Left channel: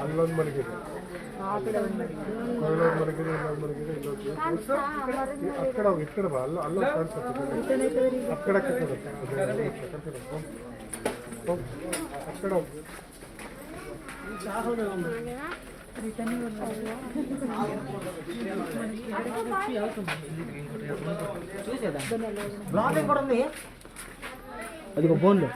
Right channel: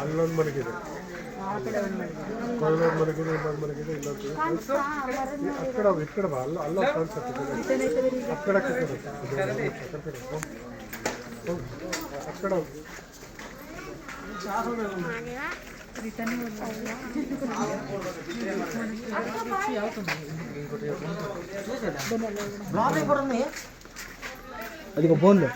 ಅಲ್ಲೊಂದು ಮಲಗಿದೆ, ಅಲ್ಲೊಂದು ಮಲಗಿದೆ, ಇನ್ನೊಂದು ಮಲಗಿದೆ, ಅಕ್ಕಡ ಇಕ್ಕಡ ಬಾ, ಅಲ್ಲ ಕಾಣಿಸುತ್ತೆ ಅಕ್ಕಡಕ್ಕೆ ಅಕ್ಕಡ అది ఒక ఫోన్లో